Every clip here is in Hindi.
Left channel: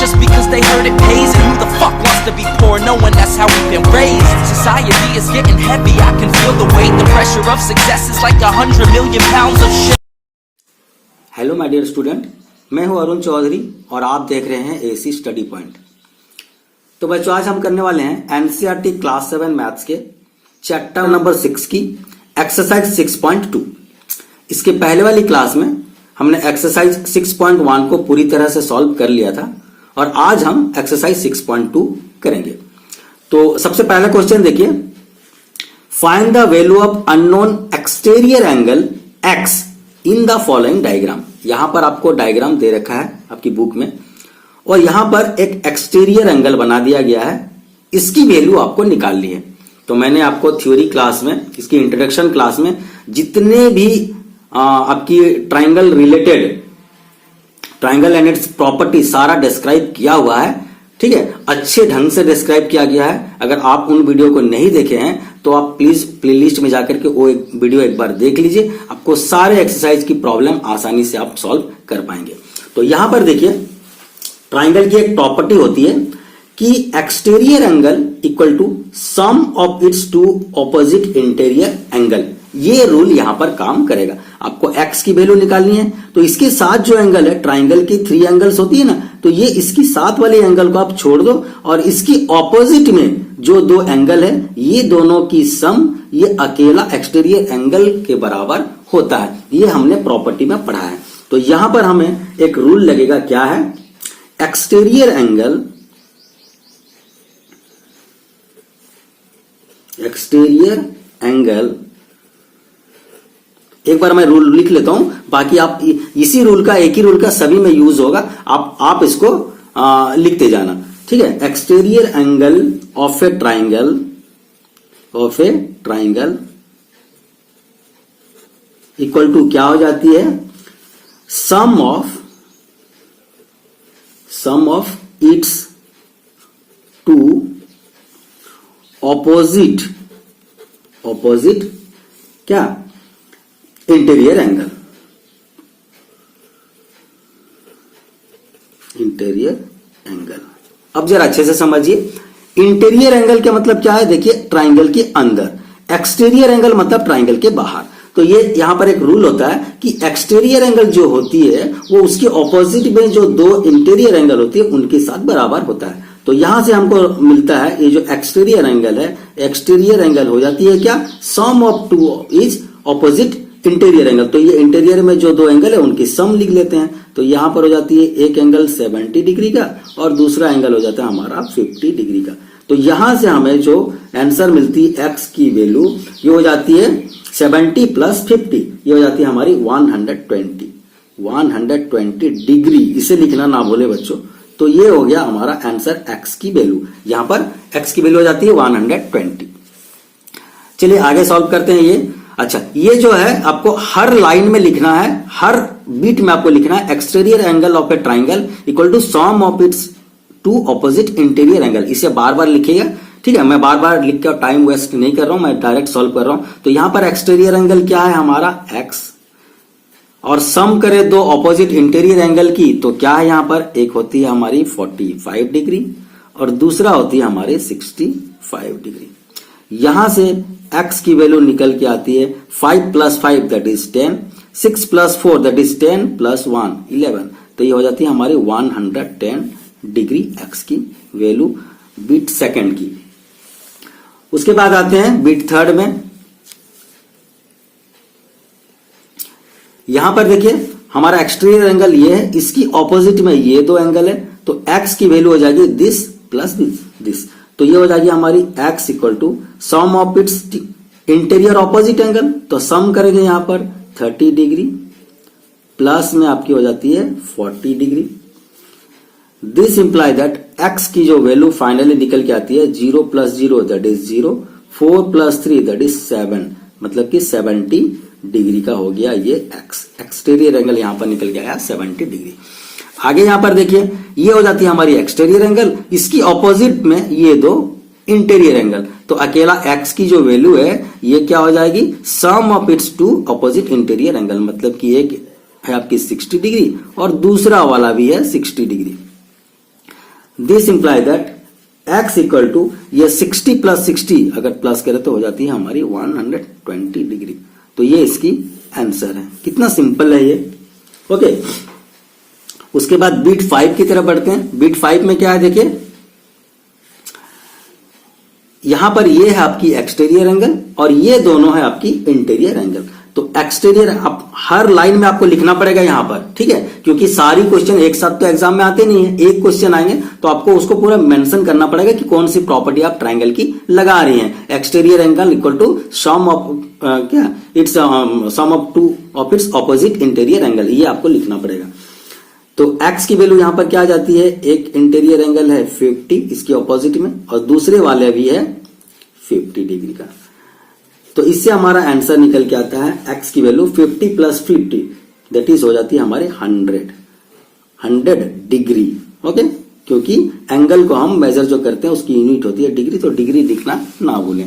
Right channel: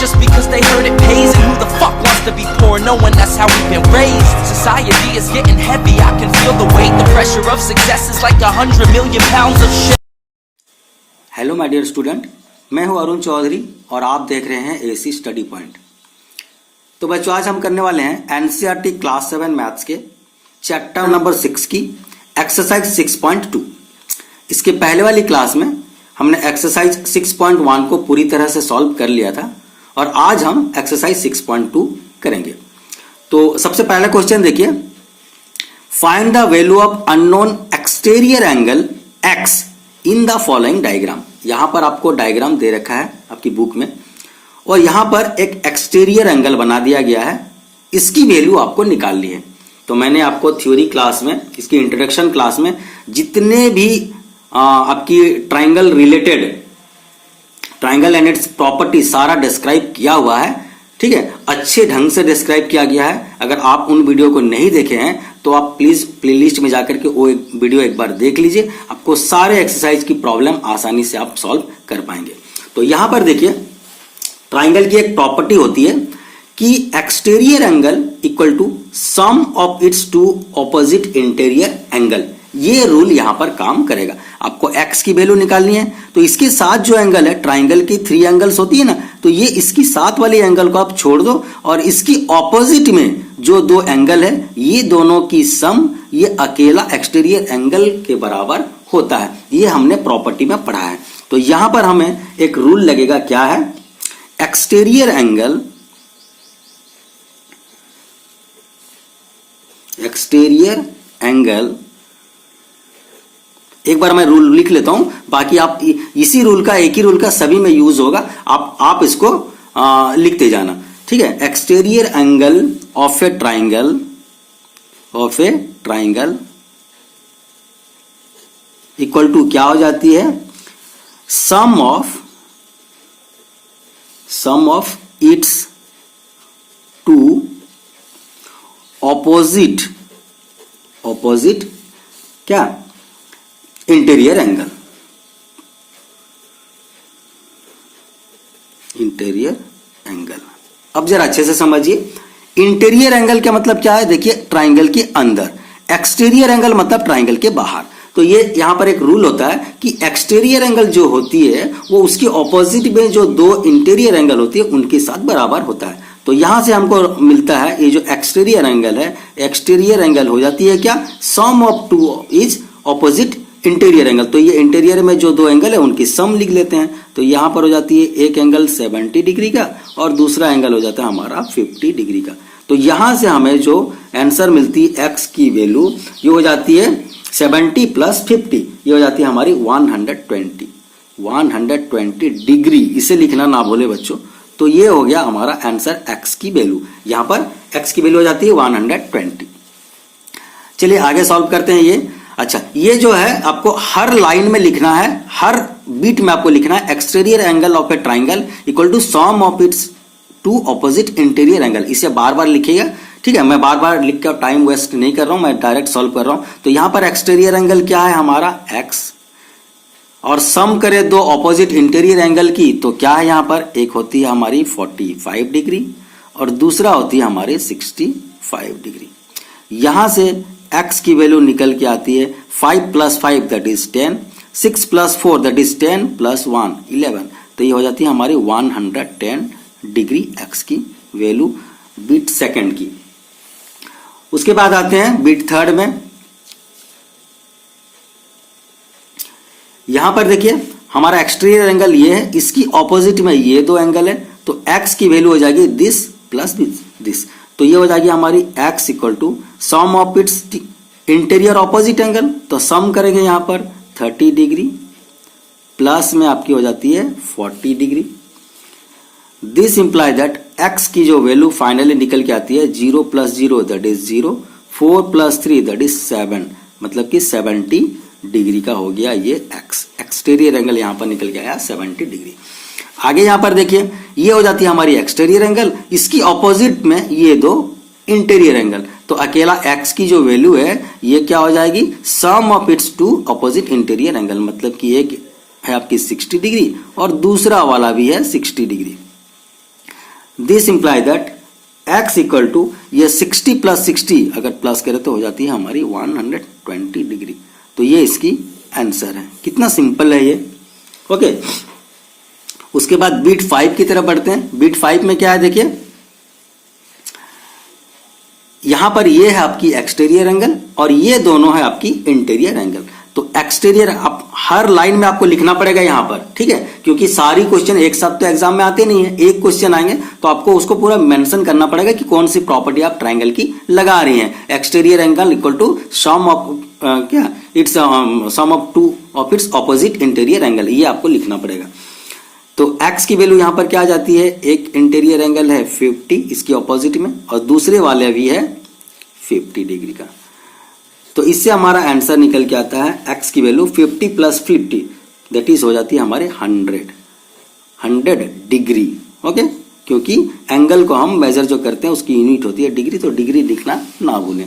just because they heard it pays. And who the fuck wants to be poor knowing that's how we've been raised? Society is getting heavy, I can feel the weight. The pressure of success is like 100 million pounds of shit. Hello my dear student, मैं हूं अरुण चौधरी और आप देख रहे हैं एसी स्टडी पॉइंट। तो बच्चों, आज हम करने वाले हैं एनसीईआरटी क्लास 7 मैथ्स के चैप्टर नंबर 6 की एक्सरसाइज 6.2। इसके पहले वाली क्लास में हमने एक्सरसाइज 6.1 को पूरी तरह से सॉल्व कर लिया था और आज हम एक्सरसाइज 6.2 करेंगे। तो सबसे पहला क्वेश्चन देखिए, find the value of unknown exterior angle x in the following diagram. यहां पर आपको डायग्राम दे रखा है आपकी बुक में और यहां पर एक एक्सटीरियर एंगल बना दिया गया है, इसकी वैल्यू आपको निकालनी है। तो मैंने आपको थ्योरी क्लास में, इसकी इंट्रोडक्शन क्लास में जितने भी आपकी triangle related, triangle and it's property सारा डिस्क्राइब किया हुआ है, ठीक है, अच्छे ढंग से डिस्क्राइब किया गया है। अगर आप उन वीडियो को नहीं देखे हैं तो आप प्लीज प्लेलिस्ट में जाकर के वो एक वीडियो एक बार देख लीजिए, आपको सारे एक्सरसाइज की प्रॉब्लम आसानी से आप सॉल्व कर पाएंगे। तो यहां पर देखिए, ट्राइंगल की एक प्रॉपर्टी होती है कि exterior angle equal to sum of its two opposite interior angle. ये रूल यहां पर काम करेगा। आपको एक्स की वैल्यू निकालनी है तो इसके साथ जो एंगल है, ट्राइंगल की 3 एंगल्स होती है ना, तो ये इसकी साथ वाले एंगल को आप छोड़ दो और इसकी ऑपोजिट में जो 2 एंगल है, ये दोनों की सम ये अकेला एक्सटीरियर एंगल के बराबर होता है। ये हमने प्रॉपर्टी में पढ़ा है। तो यहां पर हमें एक रूल लगेगा, क्या है, एक्सटीरियर एंगल, एक्सटीरियर एंगल, एक बार मैं रूल लिख लेता हूं, बाकी आप इसी रूल का, एक ही रूल का सभी में यूज होगा, आप इसको लिखते जाना, ठीक है। Exterior angle of a triangle equal to क्या हो जाती है, sum of its two opposite क्या, इंटीरियर एंगल। अब जरा अच्छे से समझिए, इंटीरियर एंगल का मतलब क्या है। देखिए, ट्राइंगल के अंदर, एक्सटीरियर एंगल मतलब ट्राइंगल के बाहर। तो ये यहां पर एक रूल होता है कि एक्सटीरियर एंगल जो होती है वो उसके ऑपोजिट में जो 2 इंटीरियर एंगल होती है उनके साथ बराबर होता है। तो यहां से हमको मिलता है ये जो एक्सटीरियर एंगल है, एक्सटीरियर एंगल हो जाती है क्या, sum of 2 is opposite interior angle. तो ये इंटीरियर में जो 2 एंगल है उनकी सम लिख लेते हैं। तो यहां पर हो जाती है एक एंगल 70 डिग्री का और दूसरा एंगल हो जाता है हमारा 50 डिग्री का। तो यहां से हमें जो आंसर मिलती है एक्स की वैल्यू, ये हो जाती है 70 प्लस 50, ये हो जाती है हमारी 120 डिग्री। इसे लिखना ना भूले बच्चों। तो ये हो गया हमारा आंसर एक्स की वैल्यू। यहां पर एक्स की वैल्यू हो जाती है 120। चलिए आगे सॉल्व करते हैं ये। अच्छा, ये जो है आपको हर लाइन में लिखना है, हर बीट में आपको लिखना है, exterior angle of a triangle equal to sum of its 2 opposite interior angle. इसे बार बार लिखिएगा, ठीक है। मैं बार बार लिख कर टाइम वेस्ट नहीं कर रहा हूं, मैं डायरेक्ट सॉल्व कर रहा हूं। तो यहां पर एक्सटीरियर एंगल क्या है हमारा, एक्स, और सम करें 2 ऑपोजिट इंटीरियर एंगल की, तो क्या है यहां पर, एक होती है हमारी 45 डिग्री और दूसरा होती है हमारी 65 डिग्री। यहां से x की वैल्यू निकल के आती है 5 plus 5 that is 10, 6 plus 4 that is 10 plus 1 11। तो ये हो जाती है हमारी 110 डिग्री x की वैल्यू बीट सेकंड की। उसके बाद आते हैं बीट थर्ड में। यहां पर देखिए हमारा एक्सटीरियर एंगल ये है, इसकी ऑपोजिट में ये 2 एंगल है, तो x की वैल्यू हो जाएगी दिस प्लस दिस। तो ये हो जाएगी हमारी x equal to sum of its interior opposite angle. तो सम करेंगे यहां पर 30 डिग्री प्लस में आपकी हो जाती है 40 degree. This imply that x की जो वैल्यू फाइनली निकल के आती है 0 plus 0 that is 0, 4 plus 3 that is 7, मतलब कि 70 डिग्री का हो गया ये x। एक्सटीरियर एंगल यहां पर निकल के आया 70 डिग्री। आगे यहां पर देखिए, ये हो जाती है हमारी एक्सटीरियर एंगल, इसकी ऑपोजिट में ये 2 इंटीरियर एंगल। तो अकेला x की जो वैल्यू है ये क्या हो जाएगी, sum of its 2 opposite interior angle, मतलब कि एक है आपकी 60 डिग्री और दूसरा वाला भी है 60 degree. This imply that x equal to ये 60 प्लस 60 अगर प्लस करें तो हो जाती है हमारी 120 डिग्री। तो ये इसकी आंसर है। कितना सिंपल है ये। ओके, उसके बाद बीट 5 की तरफ बढ़ते हैं। बीट 5 में क्या है देखिए, यहां पर ये है आपकी एक्सटीरियर एंगल और ये दोनों है आपकी इंटीरियर एंगल। तो एक्सटीरियर आप हर लाइन में आपको लिखना पड़ेगा यहां पर, ठीक है, क्योंकि सारी क्वेश्चन एक साथ तो एग्जाम में आते नहीं है, एक क्वेश्चन आएंगे तो आपको उसको पूरा मेंशन करना पड़ेगा कि कौन सी प्रॉपर्टी आप ट्रायंगल की लगा रही हैं। Exterior angle equal to sum of क्या its sum of two of its opposite interior angle, ये आपको लिखना पड़ेगा। तो x की वैल्यू यहां पर क्या आ जाती है, एक इंटीरियर एंगल है 50 इसके ऑपोजिट में और दूसरे वाले भी है 50 डिग्री का। तो इससे हमारा आंसर निकल के आता है x की वैल्यू 50 प्लस 50 दैट इज हो जाती है हमारे 100 डिग्री। ओके, क्योंकि एंगल को हम मेजर जो करते हैं उसकी यूनिट होती है डिग्री, तो डिग्री लिखना ना भूलें।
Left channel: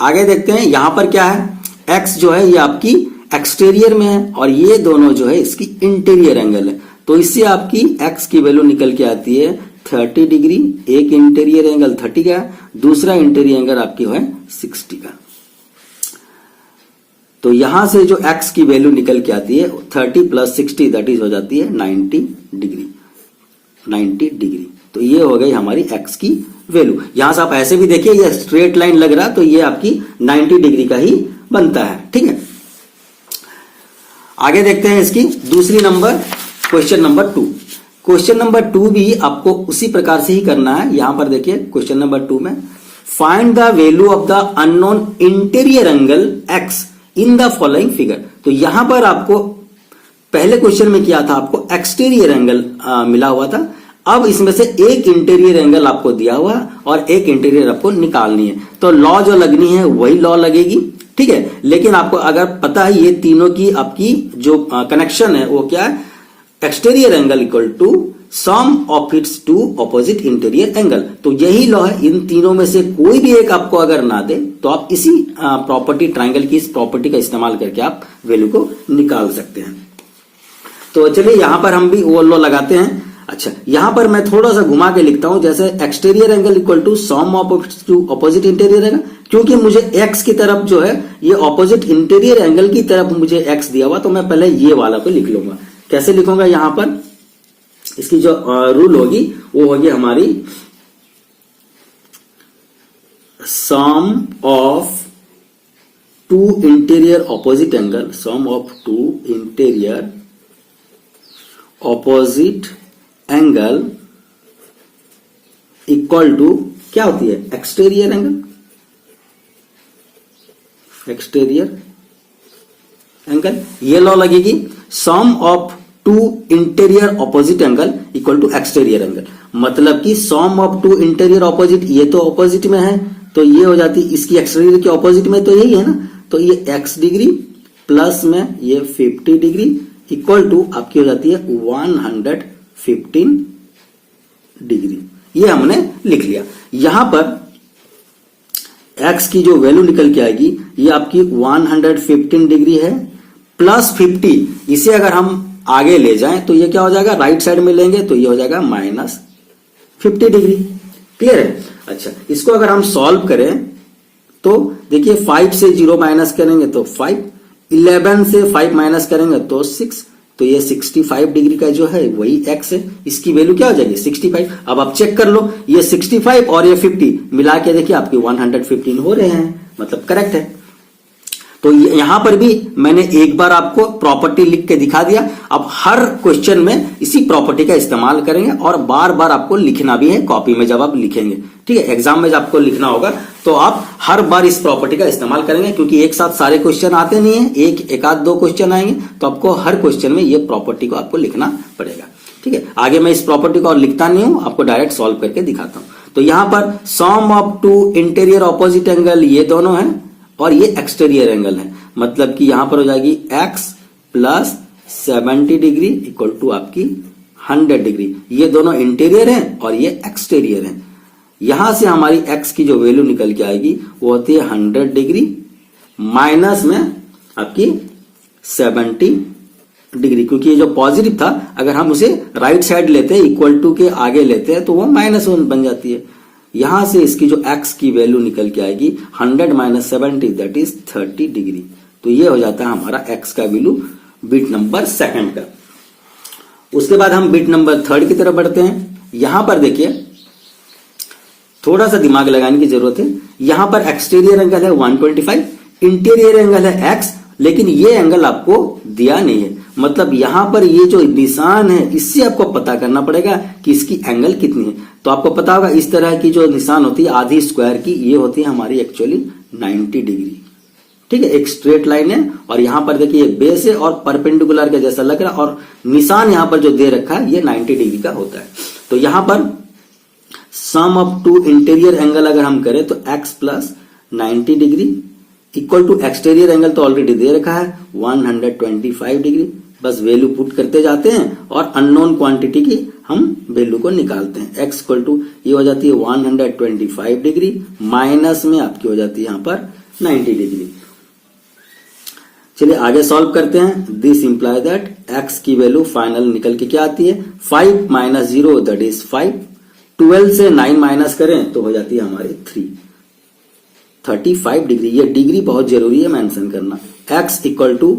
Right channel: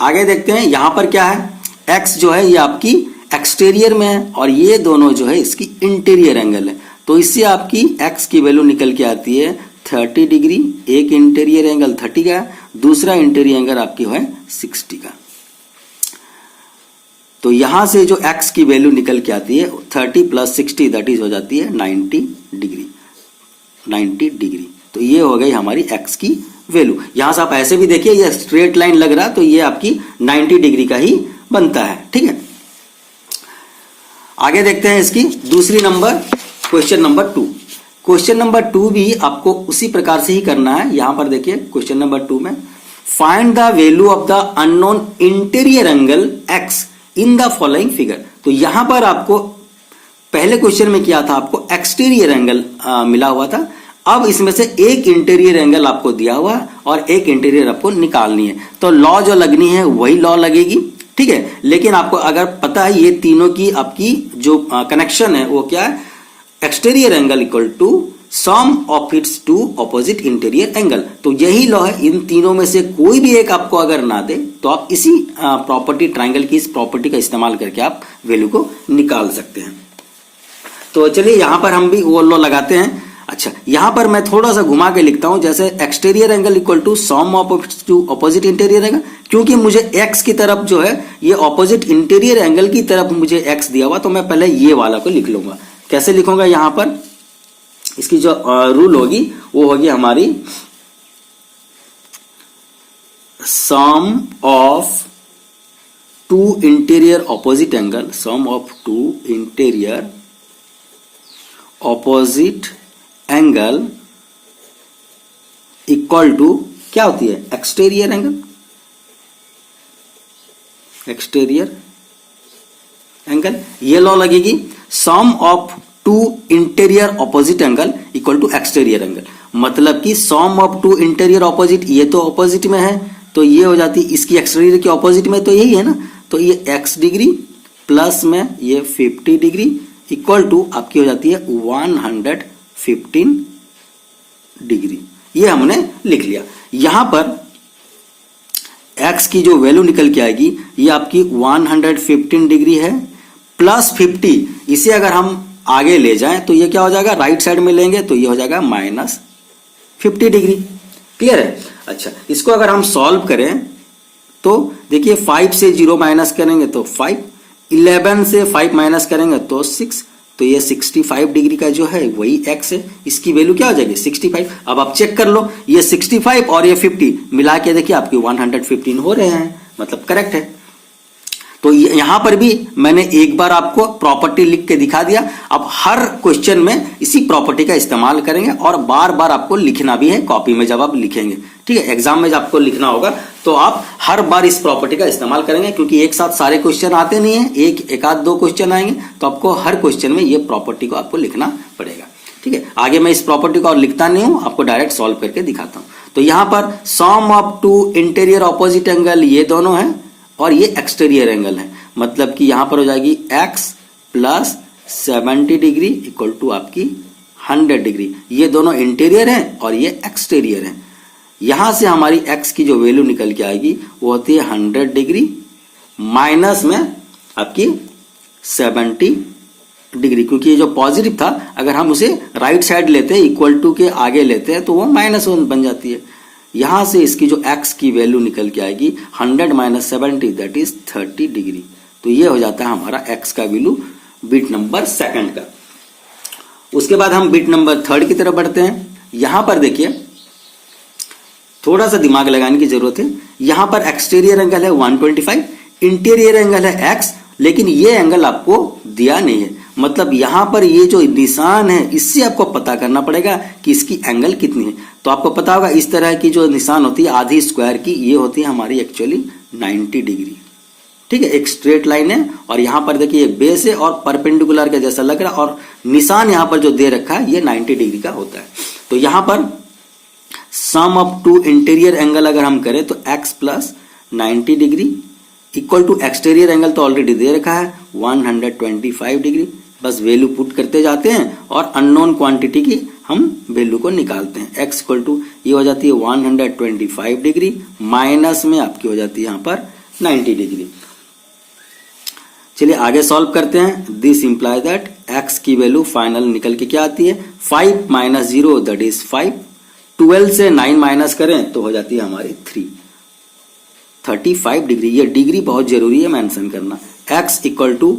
आगे देखते हैं यहां पर क्या है, x जो है ये आपकी एक्सटीरियर में है और ये दोनों जो है इसकी इंटीरियर एंगल है। तो इससे आपकी x की वैल्यू निकल के आती है 30 डिग्री। एक इंटीरियर एंगल 30 का, दूसरा इंटीरियर एंगल आपकी है 60 का। तो यहां से जो x की वैल्यू निकल के आती है 30 प्लस 60 दैट इज हो जाती है 90 डिग्री। 90 डिग्री, तो ये हो गई हमारी x की वैल्यू। यहां से आप ऐसे भी देखिए ये स्ट्रेट लाइन लग रहा तो ये आपकी 90 डिग्री का ही बनता है। ठीक है, आगे देखते हैं इसकी दूसरी number question number 2। Question number 2 भी आपको उसी प्रकार से ही करना है। यहां पर देखिए क्वेश्चन नंबर 2 में find the value of the unknown interior angle x in the following figure. तो यहां पर आपको पहले क्वेश्चन में किया था, आपको एक्सटीरियर एंगल मिला हुआ था। अब इसमें से एक इंटीरियर एंगल आपको दिया हुआ और एक इंटीरियर आपको निकालनी है। तो लॉ जो लगनी है वही लॉ लगेगी, ठीक है। लेकिन आपको अगर पता है ये तीनों की आपकी जो कनेक्शन है वो क्या है, exterior angle equal to sum of its two opposite interior angle. तो यही लॉ है, इन तीनों में से कोई भी एक आपको अगर ना दे तो आप इसी प्रॉपर्टी ट्रायंगल की इस प्रॉपर्टी का इस्तेमाल करके आप वैल्यू को निकाल सकते हैं। तो चलिए यहां पर हम भी वो लॉ लगाते हैं। अच्छा, यहां पर मैं थोड़ा सा घुमा के लिखता हूं, जैसे exterior angle equal to sum of its two opposite interior angle. क्योंकि मुझे x की तरफ जो है ये ऑपोजिट इंटीरियर एंगल की तरफ मुझे x दिया हुआ, तो मैं पहले ये वाला को लिख लूंगा। कैसे लिखूंगा, यहां पर इसकी जो रूल होगी वो होगी हमारी sum of two interior opposite angle, sum of two interior opposite angle equal to क्या होती है, एक्सटीरियर एंगल। एक्सटीरियर एंगल ये लॉ लगेगी, sum of two interior opposite angle equal to exterior angle. मतलब कि sum of two interior opposite, ये तो ऑपोजिट में है तो ये हो जाती है इसकी एक्सटीरियर की ऑपोजिट में, तो यही है ना। तो ये x डिग्री प्लस में ये 50 डिग्री इक्वल टू आपकी हो जाती है 115 डिग्री। ये हमने लिख लिया। यहां पर x की जो वैल्यू निकल के आएगी ये आपकी 115 डिग्री है प्लस 50। इसे अगर हम आगे ले जाएं तो ये क्या हो जाएगा, राइट साइड में लेंगे तो ये हो जाएगा माइनस 50 डिग्री। क्लियर है। अच्छा, इसको अगर हम सॉल्व करें तो देखिए 5 से 0 माइनस करेंगे तो 5, 11 से 5 माइनस करेंगे तो 6, तो ये 65 डिग्री का जो है वही x है। इसकी वैल्यू क्या हो जाएगी 65। अब आप चेक कर लो, ये 65 और ये 50 मिला के देखिए आपके 115 हो रहे हैं, मतलब करेक्ट है। तो यहां पर भी मैंने एक बार आपको प्रॉपर्टी लिख के दिखा दिया। अब हर क्वेश्चन में इसी प्रॉपर्टी का इस्तेमाल करेंगे और बार बार आपको लिखना भी है कॉपी में जब आप लिखेंगे, ठीक है। एग्जाम में जब आपको लिखना होगा तो आप हर बार इस प्रॉपर्टी का इस्तेमाल करेंगे, क्योंकि एक साथ सारे क्वेश्चन आते नहीं है, एक आध दो क्वेश्चन आएंगे तो आपको हर क्वेश्चन में ये प्रॉपर्टी को आपको लिखना पड़ेगा, ठीक है। आगे मैं इस प्रॉपर्टी को और लिखता नहीं हूं, आपको डायरेक्ट सॉल्व करके दिखाता हूं। तो यहां पर sum of two interior opposite angle ये दोनों है और ये एक्सटीरियर एंगल है। मतलब कि यहां पर हो जाएगी x plus 70 degree equal to आपकी 100 डिग्री। ये दोनों इंटीरियर है और ये एक्सटीरियर है। यहां से हमारी x की जो वैल्यू निकल के आएगी वो होती है 100 डिग्री माइनस में आपकी 70 डिग्री, क्योंकि ये जो पॉजिटिव था अगर हम उसे राइट साइड लेते हैं इक्वल टू के आगे लेते हैं तो वो -1 बन जाती है। यहां से इसकी जो x की वैल्यू निकल के आएगी 100 - 70 दैट इज 30 डिग्री। तो ये हो जाता है हमारा x का वैल्यू बिट नंबर सेकंड का। उसके बाद हम बिट नंबर थर्ड की तरफ बढ़ते हैं। यहां पर देखिए थोड़ा सा दिमाग लगाने की जरूरत है। यहां पर एक्सटीरियर एंगल है 125, इंटीरियर एंगल है x, लेकिन ये एंगल आपको दिया नहीं है। मतलब यहां पर ये जो निशान है इससे आपको पता करना पड़ेगा कि इसकी एंगल कितनी है। तो आपको पता होगा इस तरह की जो निशान होती है आधी स्क्वायर की, ये होती है हमारी एक्चुअली 90 डिग्री। ठीक है, एक स्ट्रेट लाइन है और यहां पर देखिए बेस है और परपेंडिकुलर के जैसा लग रहा है और निशान यहां पर जो दे रखा है ये 90 डिग्री का होता है। तो यहां पर sum of two interior angle अगर हम करें तो x plus 90 degree equal to exterior angle तो ऑलरेडी दे रखा है 125 डिग्री। बस वैल्यू पुट करते जाते हैं और अननोन क्वांटिटी की हम वैल्यू को निकालते हैं। x इक्वल टू ये हो जाती है 125 डिग्री माइनस में आपकी हो जाती है यहां पर 90 डिग्री। चलिए आगे सॉल्व करते हैं। दिस इंप्लाइज दैट x की वैल्यू फाइनल निकल के क्या आती है 5 - 0 दैट इज 5। 12 से 9 माइनस करें तो हो जाती है हमारी 35 डिग्री। ये डिग्री बहुत जरूरी है मेंशन करना। x equal to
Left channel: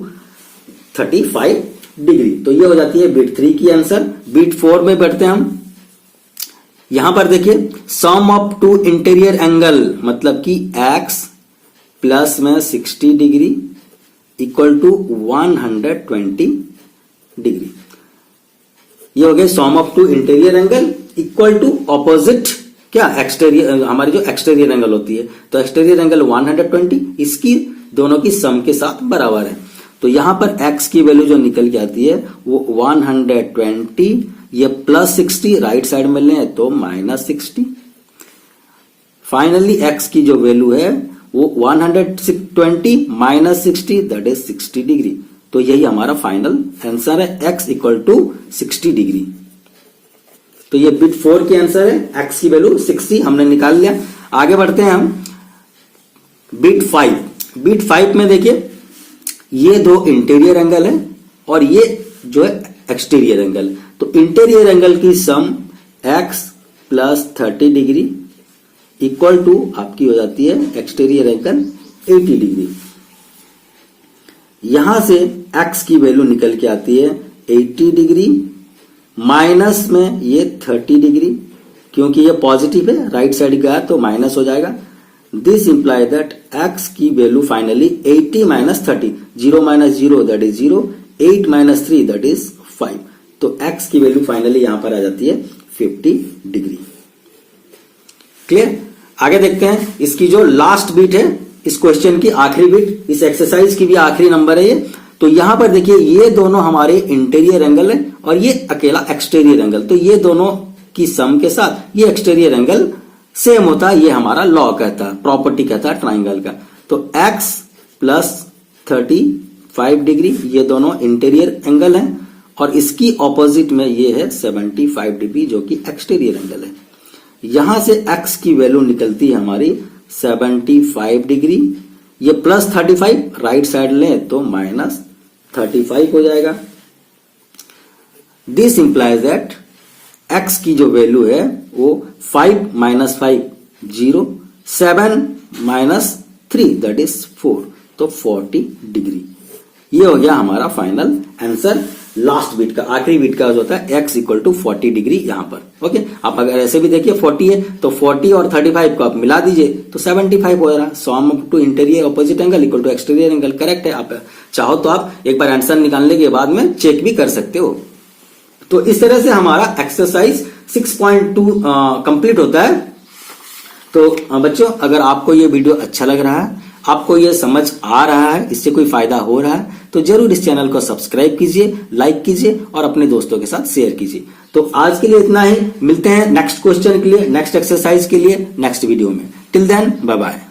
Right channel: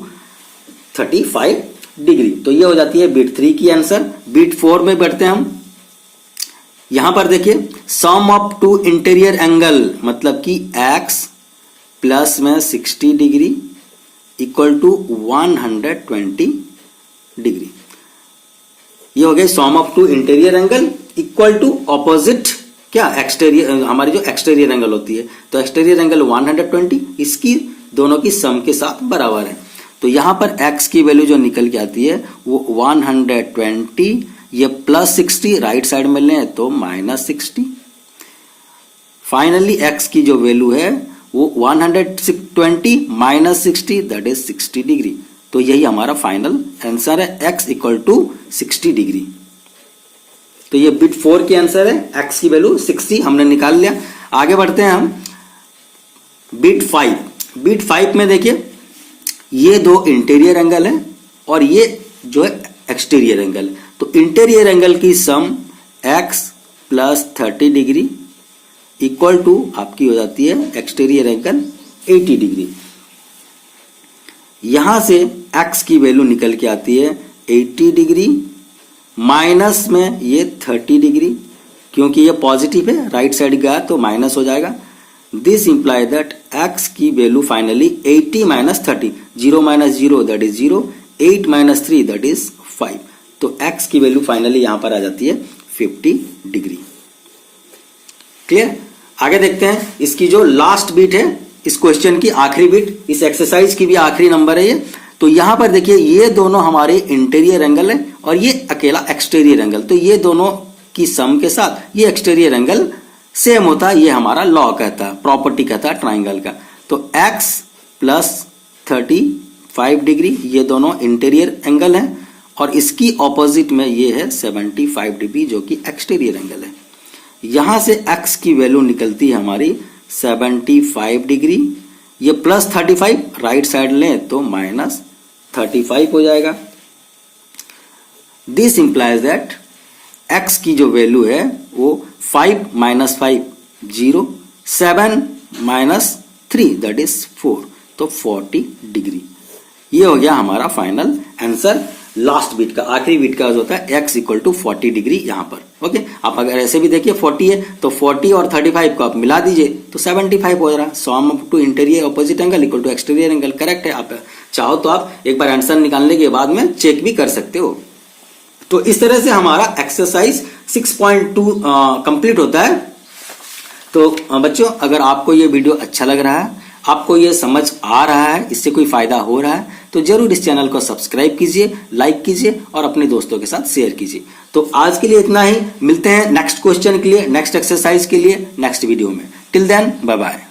35 degree. तो ये हो जाती है बिट 3 की आंसर। बिट 4 में बढ़ते हैं हम। यहां पर देखिए सम ऑफ टू इंटीरियर एंगल मतलब कि x प्लस में 60 डिग्री इक्वल टू 120 डिग्री। ये हो गया sum of two interior angle equal to opposite क्या एक्सटीरियर, हमारी जो एक्सटीरियर एंगल होती है। तो एक्सटीरियर एंगल 120 इसकी दोनों की सम के साथ बराबर है। तो यहां पर x की वैल्यू जो निकल के आती है वो 120, ये प्लस 60 राइट साइड में लें तो -60। फाइनली x की जो वैल्यू है वो 120 माइनस 60 दैट इज 60 डिग्री। तो यही हमारा फाइनल आंसर है x इक्वल टू 60 डिग्री। तो ये बिट 4 की आंसर है। x की वैल्यू 60 हमने निकाल लिया। आगे बढ़ते हैं हम बिट 5। बिट 5 में देखिए ये दो इंटीरियर एंगल है और ये जो है एक्सटीरियर एंगल। तो इंटीरियर एंगल की sum x plus 30 degree equal to आपकी हो जाती है एक्सटीरियर एंगल 80 डिग्री। यहां से x की वैल्यू निकल के आती है 80 डिग्री माइनस में ये 30 डिग्री, क्योंकि ये पॉजिटिव है राइट साइड गया तो माइनस हो जाएगा। दिस इंप्लाई दैट x की value finally 80 minus 30, 0 minus 0 that is 0, 8 minus 3 that is 5। तो x की वैल्यू फाइनली यहां पर आ जाती है 50 डिग्री। क्लियर। आगे देखते हैं इसकी जो लास्ट बिट है, इस क्वेश्चन की आखिरी बिट, इस एक्सरसाइज की भी आखिरी नंबर है ये। तो यहां पर देखिए ये दोनों हमारे इंटीरियर एंगल है और ये अकेला एक्सटीरियर एंगल। तो ये दोनों की सम के साथ ये एक्सटीरियर एंगल सेम होता है। ये हमारा लॉ कहता है, प्रॉपर्टी कहता है ट्राइंगल का। तो x प्लस 35 डिग्री ये दोनों इंटीरियर एंगल है और इसकी ऑपोजिट में ये है 75 डिग्री जो कि एक्सटीरियर एंगल है। यहां से x की वैल्यू निकलती है हमारी 75 डिग्री, ये प्लस 35 राइट साइड लें तो माइनस 35 हो जाएगा। दिस इंप्लाइज दैट x की जो वैल्यू है वो 5 माइनस 5 0, 7 माइनस 3 दैट इज 4, तो 40 डिग्री। ये हो गया हमारा फाइनल आंसर लास्ट बिट का, आखिरी बिट का जो होता है x इक्वल टू 40 डिग्री यहां पर। ओके, आप अगर ऐसे भी देखिए 40 है तो 40 और 35 को आप मिला दीजिए तो 75 हो रहा है। Sum of two interior opposite angle equal to exterior angle correct है। आप चाहो तो आप एक बार आंसर निकालने के बाद में चेक भी कर सकते हो। तो इस तरह से हमारा एक्सरसाइज 6.2 कंप्लीट होता है। तो बच्चों अगर आपको ये वीडियो अच्छा लग रहा है, आपको ये समझ आ रहा है, इससे कोई फायदा हो रहा है तो जरूर इस चैनल को सब्सक्राइब कीजिए, लाइक कीजिए और अपने दोस्तों के साथ शेयर कीजिए। तो आज के लिए इतना ही, मिलते हैं नेक्स्ट क्वेश्चन के लिए, नेक्स्ट एक्सरसाइज के लिए नेक्स्ट वीडियो में। Till then bye bye.